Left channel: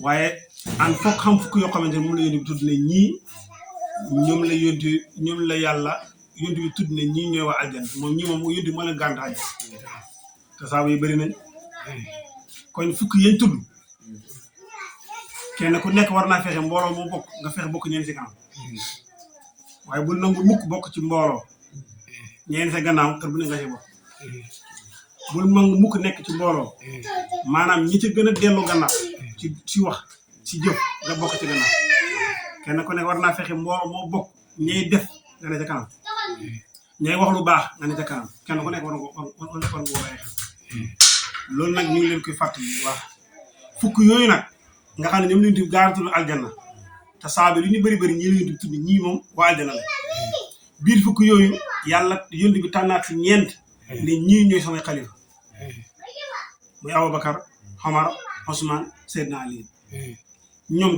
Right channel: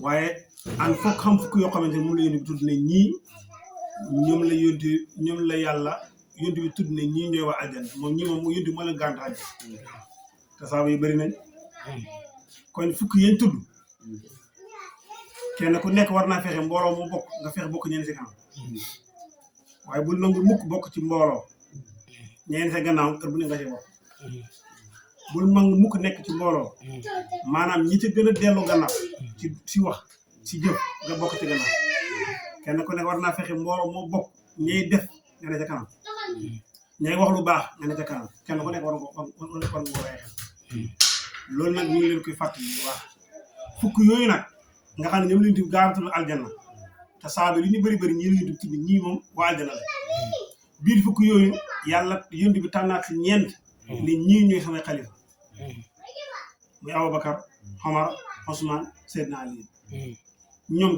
waaye an foog xam fukk yoo xamante ne moom la yónni bi tudd ne ñii ñoom la yàlla yónni bi tudd ne ñii ñooy waa aljanna moom ñii moom yónni moo leen gàntu aljanna te saaba yi bëri nañ kon fukk yañ tudd kenn ku nekk war naa fexe mbooloo moo bokk nga fexe bokk ñeen si kanam waaye bul nangu mukk bokk ci mbooloo ñeen sa gannaaw kër bu ne nga see bokk bul nangu mukk nekk ci mbooloo maanaam ñi ci gën a dellu gannaaw ci wax ci jëf nga bokk ci gannaaw kenn ku nekk war naa fexe mbooloo moo bokk ñay def nga ne ca kanam ñay wax lu baax nga ne ca kanam kenn ku nekk war nga ko bàyyi xel loolu nag ñu ngi leen koy fàttali bu baax fukk yooyu nag nga xam ne ñoom lañu tudd gaaratul aljanna te saa bi lu ñu bëri bëri ñii lañu tudd ñii moom waa aljanna la biir fukk yooyu yàlla yónni bi tànnaat si ñeent ne ñii ñooy samay xalifa muy Abubakar Omar Ousmane Seydina Ali ñoom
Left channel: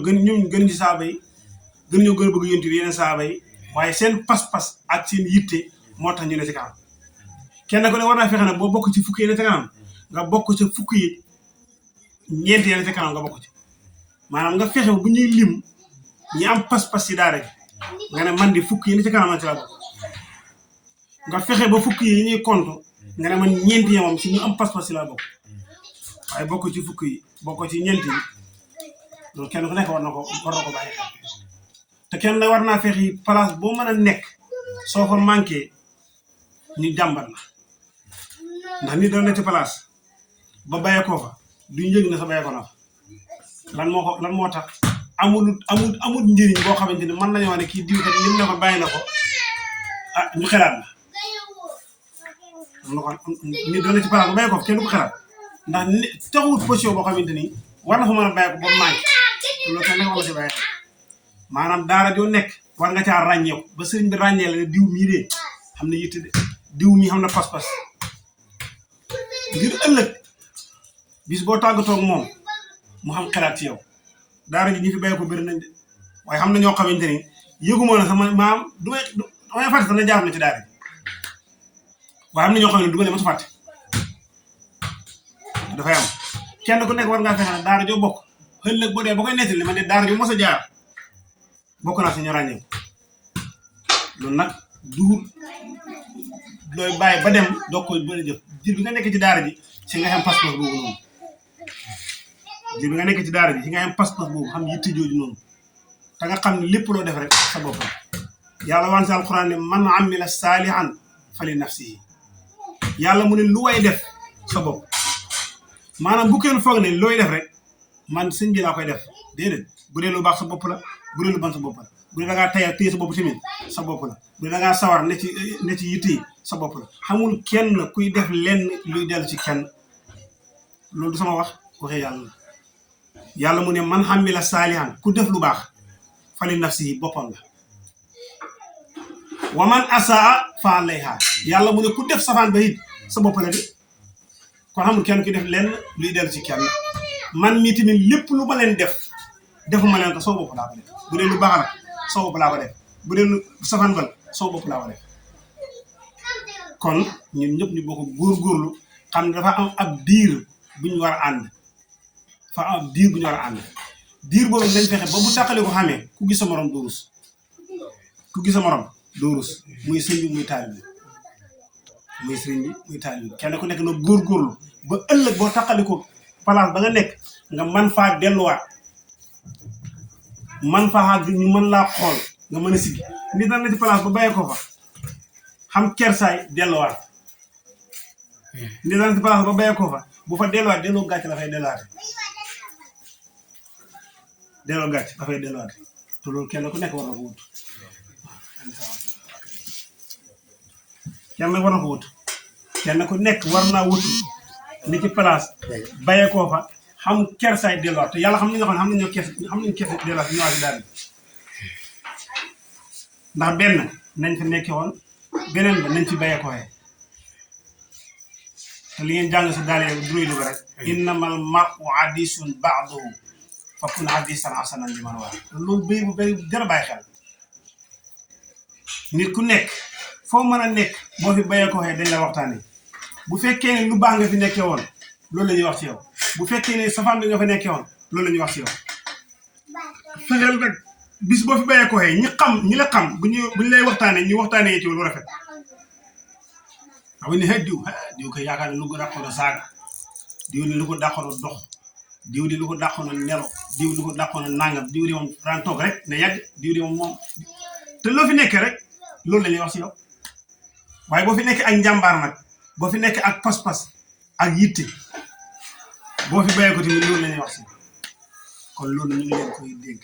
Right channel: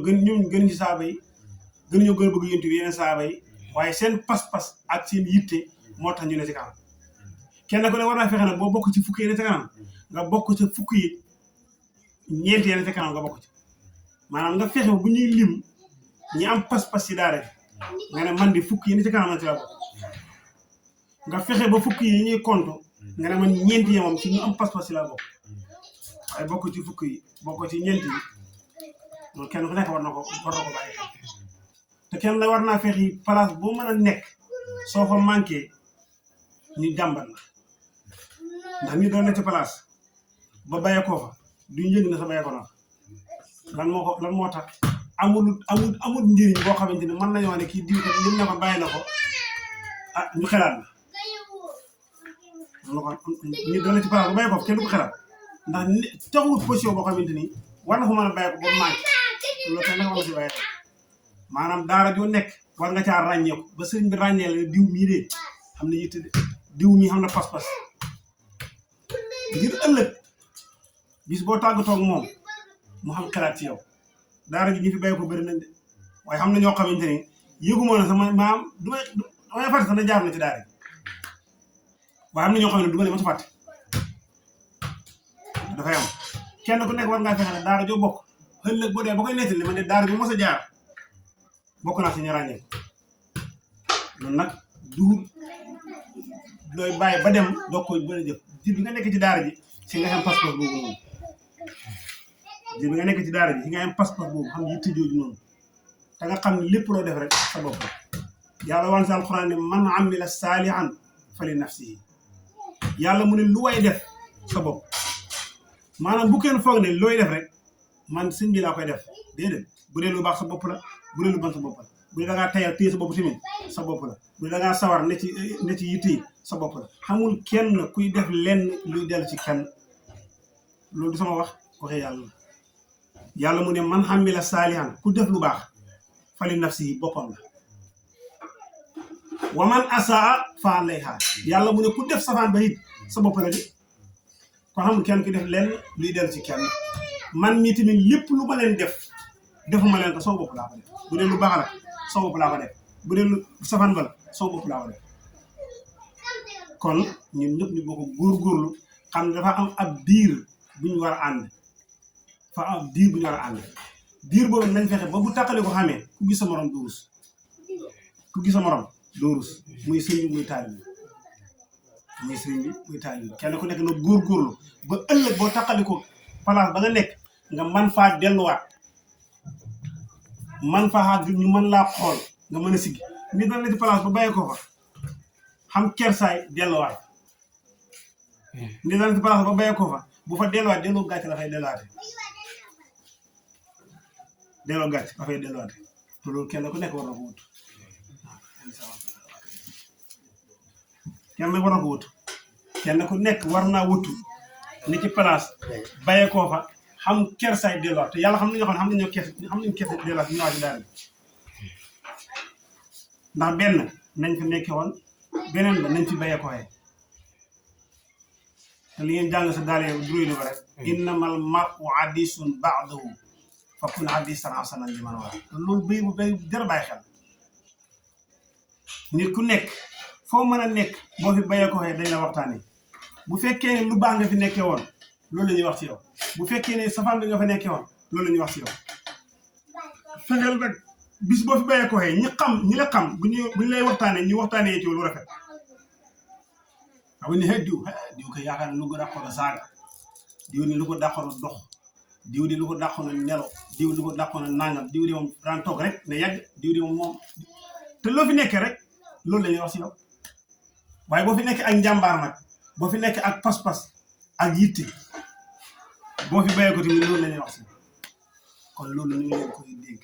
gën ci saaba yi gën ñoo gën a bëgg yónni bi yeneen saaba yi waaye seen pas-pas ak seen yitte moo tax ñu ne ci kanam kenn ku ne war naa fexe nag boo bokk ci fukk yi ne ci kanam nga bokk ci fukk yi ñeent yi ne ci kanam nga bokk ci maanaam nga fexe bu ñuy lim ñi am pas-pas ci daara ji nga ne man di fukk yi ne ci kanam la ci la bokk nga fexe ba fukk yi ñuy compte nga ne man ñeent yi moom ci ñu am pas-pas ci la bokk waaye bokk ci fukk yi bokk ci ñeent yi loolu kenn ku nekk war na ko bàyyi xel te kenn ne war naa fexe place boo mën a nekk soo fa manqué ñu jàmbat la ndax nit doon na ci place ba bàyyee koo fa duñ yëg na sa bàyyee ko na fa lan moo tax amul njëriñ boo xamante ni mën nañoo ne kii diw kat lim na ko bàyyi na ko ah ñu xelaat la nit doon na ci place ba bàyyee ko fa kenn du ko xelaat ndax taxul position boo xamante ni war na fa mën a bàyyi ko ba manqué loolu kenn dafa war a si bàyyi maanaam daara joo nekk war nga caa ràññeeku ba sëriñ bi ràññee la ne diw mii de xam ne yitte de diw mii xam na pas-pas ngir ëllëg bis boo tàggatoo ak moom mu xam xalaat ci yow daara ji ñu fi béy ko bëri nañ de waaye xam na ñoo xamante ni yëguma na sama maam damay fàtte sax na jaar na ci daara ji waaye am na ñoo xam ne du ma leen mos a fàtte dafay am kenn ku nekk war ngaa fexe ne daara joo bokk ëllëg boo dee ba koy nettali man de daara jo mos a jaar bokk naa si ñu ràññee loolu nag du looy bàyyi ba dem doo koy bëri jëf jir bi nga nekk ci daara ji si nga xam passeport boobu noonu jir bi nga nekk ci daara ji si nga xam passeport boobu xam yitte jooju noonu te nga xam ne lépp loo def rek sa bopp la yàlla waan si alquran ne man amila saalihan fali nafsihi yàlla mu ne lu way def sa bopp maanaam bu kenn foog ne looy def rek man sëñ bi laa koy def déedéet bu dee lu baax sa bopp la bu dee lu ban sa bopp la bu dee da ngaa tayal téye sa bopp tamit sa bopp la bu dee da ngaa sawar ne ci yitte sa bopp la xamul kenn kuy def lenn luy dellu ci kenn loolu du sama waxee yàlla la yàlla mu ne man xamila saalihan ku def lu baax fali nafsihi boppam la wa man asaa fa alayha yàlla mu ne ku def safaan ba it sa bopp la de kon xamul kenn kuy def lenn luy dellu ci kenn man mii tamit lépp lu ma leen defuma leen ko soo bopp laa ko def bu dee lu baax la soo bopp laa ko def bu dee lu safaan ba soo bopp laa ko def kon ñun ñëpp ñu bokk góorgóorlu xam ne dafa am ab diir bu ñu war a ànd dafa am ab diir bu ñu war a ànd diir boobu lañ fexe ba bu tàqali ko xamee ku gis sa morom doo rus ku gis sa morom doo rus muy sëñ bi muy taalibe bi muy sëriñ bi muy taalibe bi kenn ku nekk na góorgóorlu ba ëllëg boo tàqali ko place ba nga nekk nga man faa delluwaat man faa xaag ñu mën laa xool nga mën a siggi nit na ci place ba bàyyi ko fa xam kersaay delluwaat nit na ci place ba bàyyi ko fa bu fa delluwaat delloo gàcc dafay delluwaate te loolu kenn ku nekk war na ko wut kenn ku nekk war naa wut ni ci place bàyyi ko fa xam kersaay delluwaat te yàlla xam nañu xam nañu kersa delluwaat ñëwaat daal ndax benn nañ ko nekkee woon beneen ba nañ ci bàyyi ko waxee te li ngeen jàng sa daal du lay dugg rek innamal mar'u hadiisun ba'duhu fa kun hadiisan hasanan liman waa loolu béy bu jar a bàyyi xel nit ku nekk foo mën a nekk boo fi bàyyi ko waxee dañ la waxtaanee bu fekkee ne lu baax nga fi nekkee woon loolu la ñuy wax ci yow bu fekkee ne safaan bi nga fa nekkee woon loolu la ñuy wax ci yow fexeel rek bis boo fi bayee ko xëy ñi la xam bu ñu lay waxtaanee ñu waxtaanee ci lu rafet xam ne diw ko yaakaar ne lu ko dàqoon a saaga diw ni lu ko dàqoon a dox diw di lu ko dàqoon a nelaw diw lu ko dàqoon a nangam diw di moom daan toog rek ne yàgg diw di moom te loo fi nekkee rek loolu la ñuy wax si yow waaye boo fi nekkee ak njàmbaar nag boo fi nekkee ak pas-pas ak yitte boo fi bayee ko tamit loolu la ñuy wax si kon loolu ñu ngi leen koy dégg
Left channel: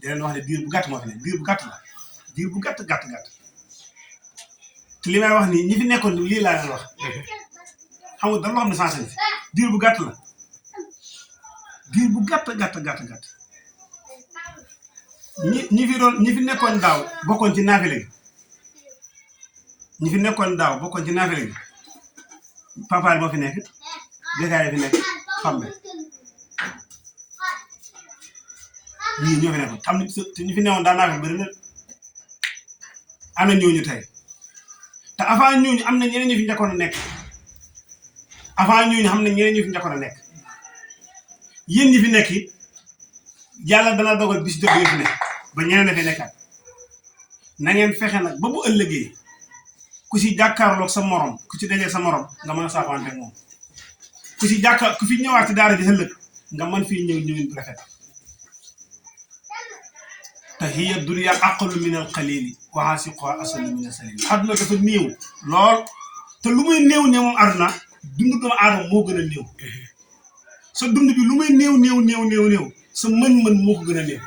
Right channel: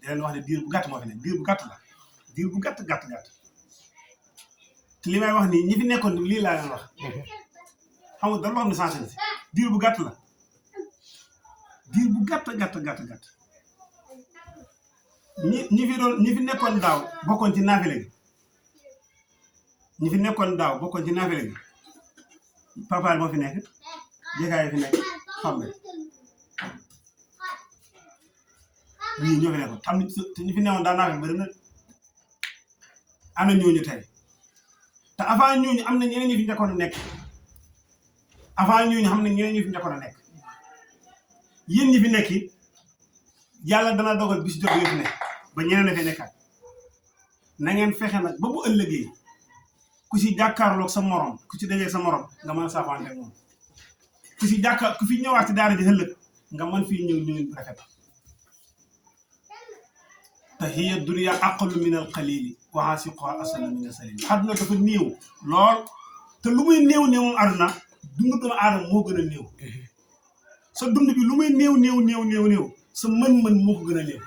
di leen wax ne diir bu gàtt moo fi ne diir bu gàtt la diir bu gàtt te li may wax nii ñi fi nekkoon lii laa leen wax xam nga dara loo xam ne sensé si diir bu gàtt la diir bu gàtt ñi fi nekkoon daaw bokkoon ci naafile gi ñi fi nekkoon daaw bokkoon ci naafile gi papaay moo fi nekk békaay fi nekk xambe ñii ñoo fi nekkoon xam ne te ñu fi newoon daa naafile bëri na am na ñooñu tey te avant ñooñu am na ñeneen ñu fi njëkkoon a nekk avant ñooñu xam ne ñeneen ñu fi njëkkoon a nekk yéen ñi fi nekk it yàlla dana dogal bis jot ñu fi nekk ba ñeneen dafay nekkaat na ngeen fexe nag ba bu ëllëgee ku si jàkkaarloog sa morom ku ci dajee sa morom nga mën a saafante ak moom ku fi ñëwaat ci daara ji ëllëg nga mën fii ñëwin bu rafet te hiya dunya aqallu min al qalili wa asiquha asallu min al salil àdduna dafa néew lool te lu muy néew ne moom àdduna dund doomu aadama moo gën a néew sa dund bi lu muy néew sa mën-mën moo ko gën a néew